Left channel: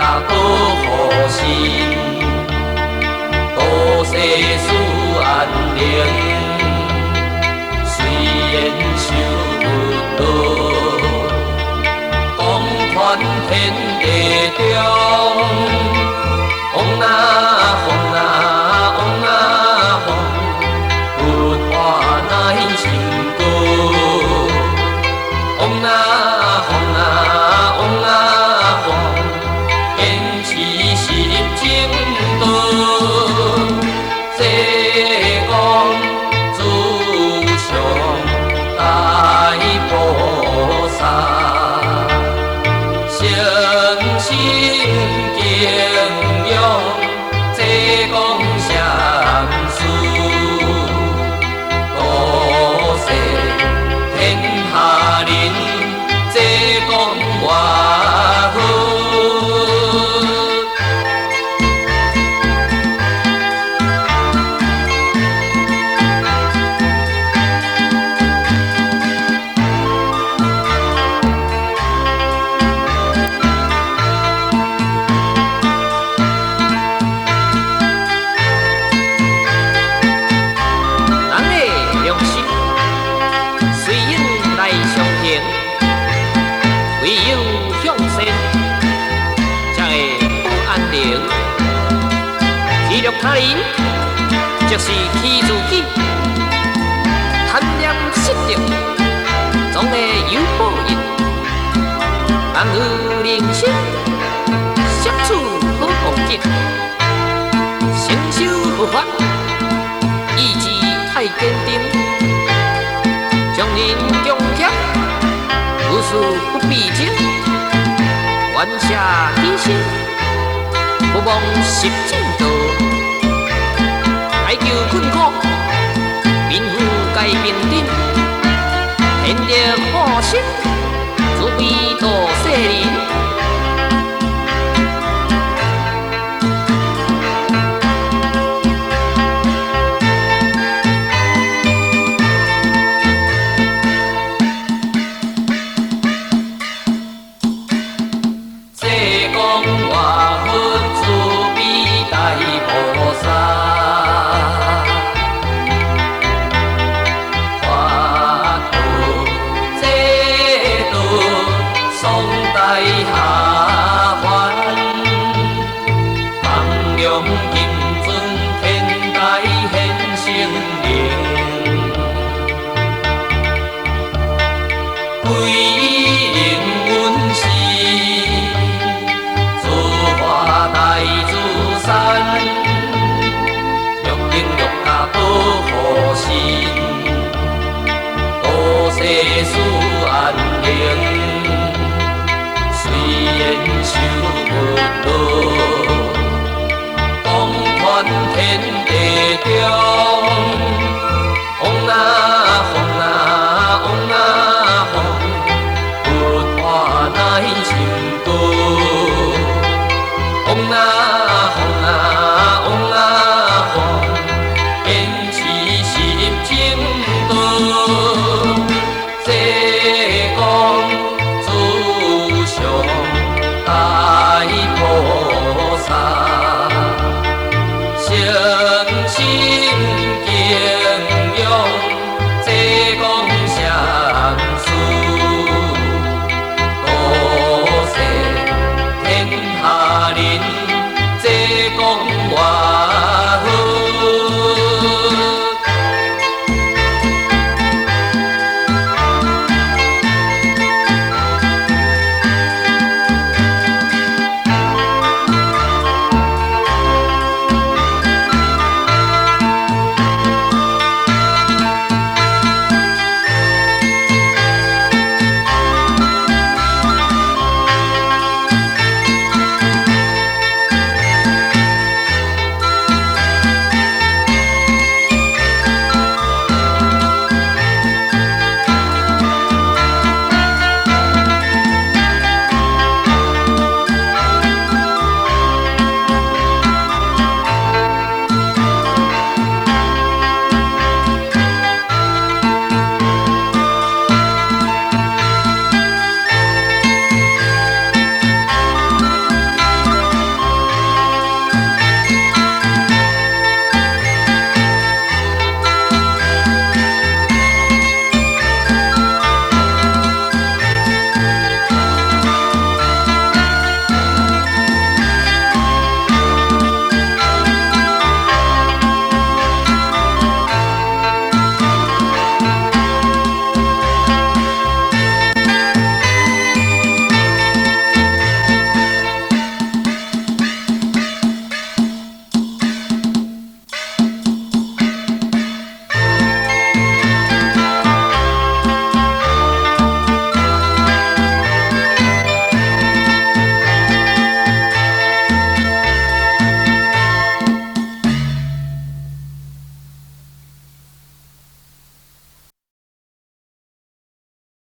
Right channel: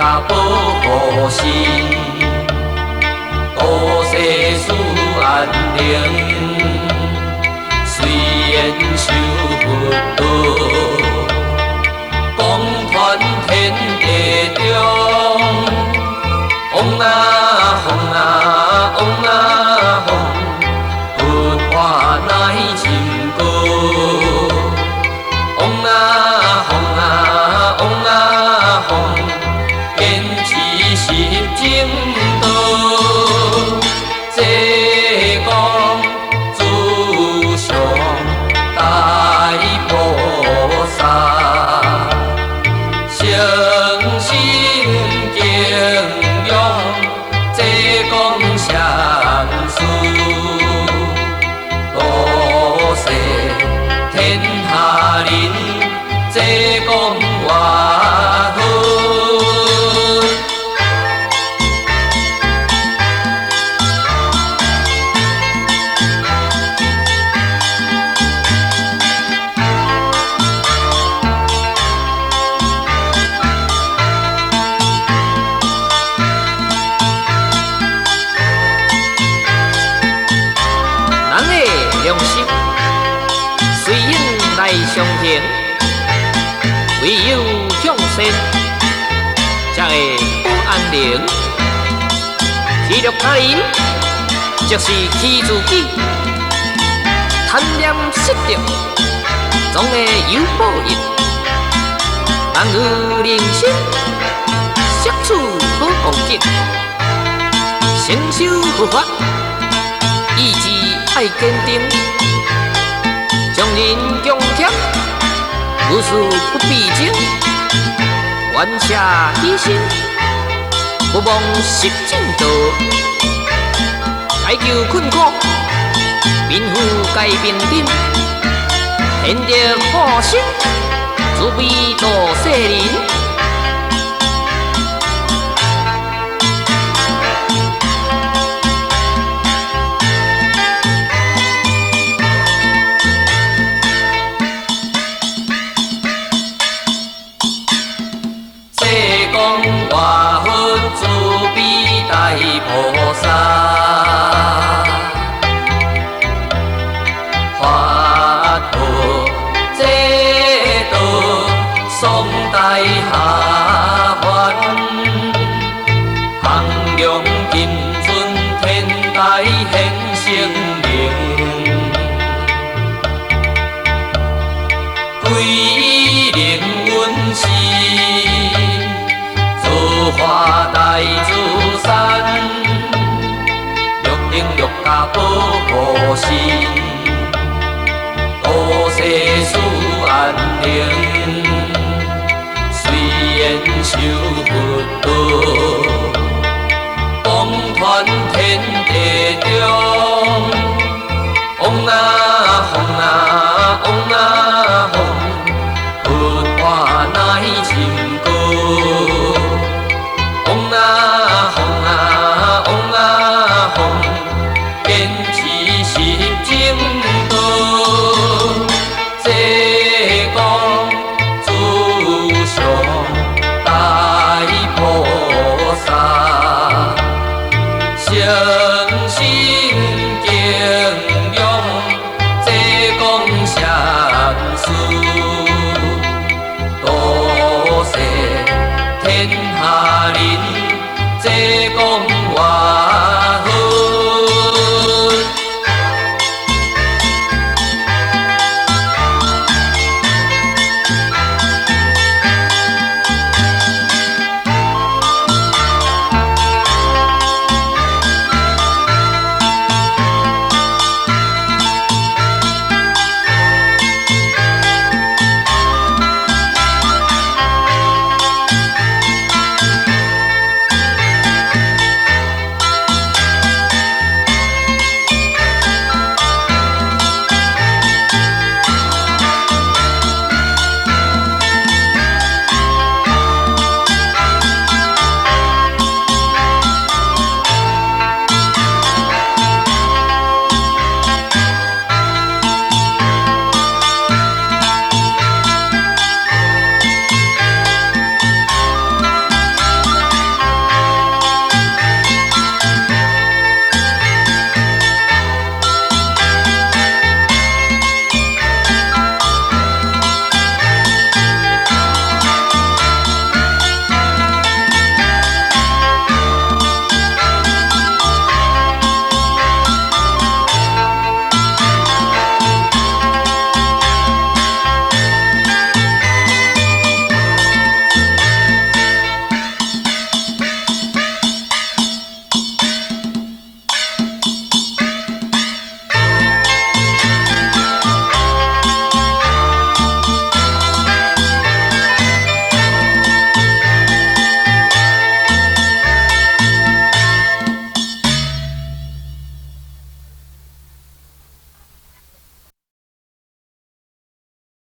甲保护神，多世事安宁。虽然受不到，光传天地中，风啊风啊风啊风，不化乃成歌。风啊风啊风啊风，坚持实正道。这讲自上大菩萨，诚心敬仰，这讲善事，多谢天下人，这讲外好。随应来相见，唯有向善，才会保安宁。欺辱他人，即是欺自己；贪念失德，总会有报应。但有人心，摄取好恭敬，承受佛法，意志爱坚定。将人强强，无事不必惊，愿下牺牲，不忘实正道。来救困苦，贫富皆平等，天地化身，慈悲度世人。菩萨，法度这道，双带下凡，弘扬金尊天台显圣灵，归灵阮是，自化大自善。保护神，多世事安宁。虽然受不到，光传天地中。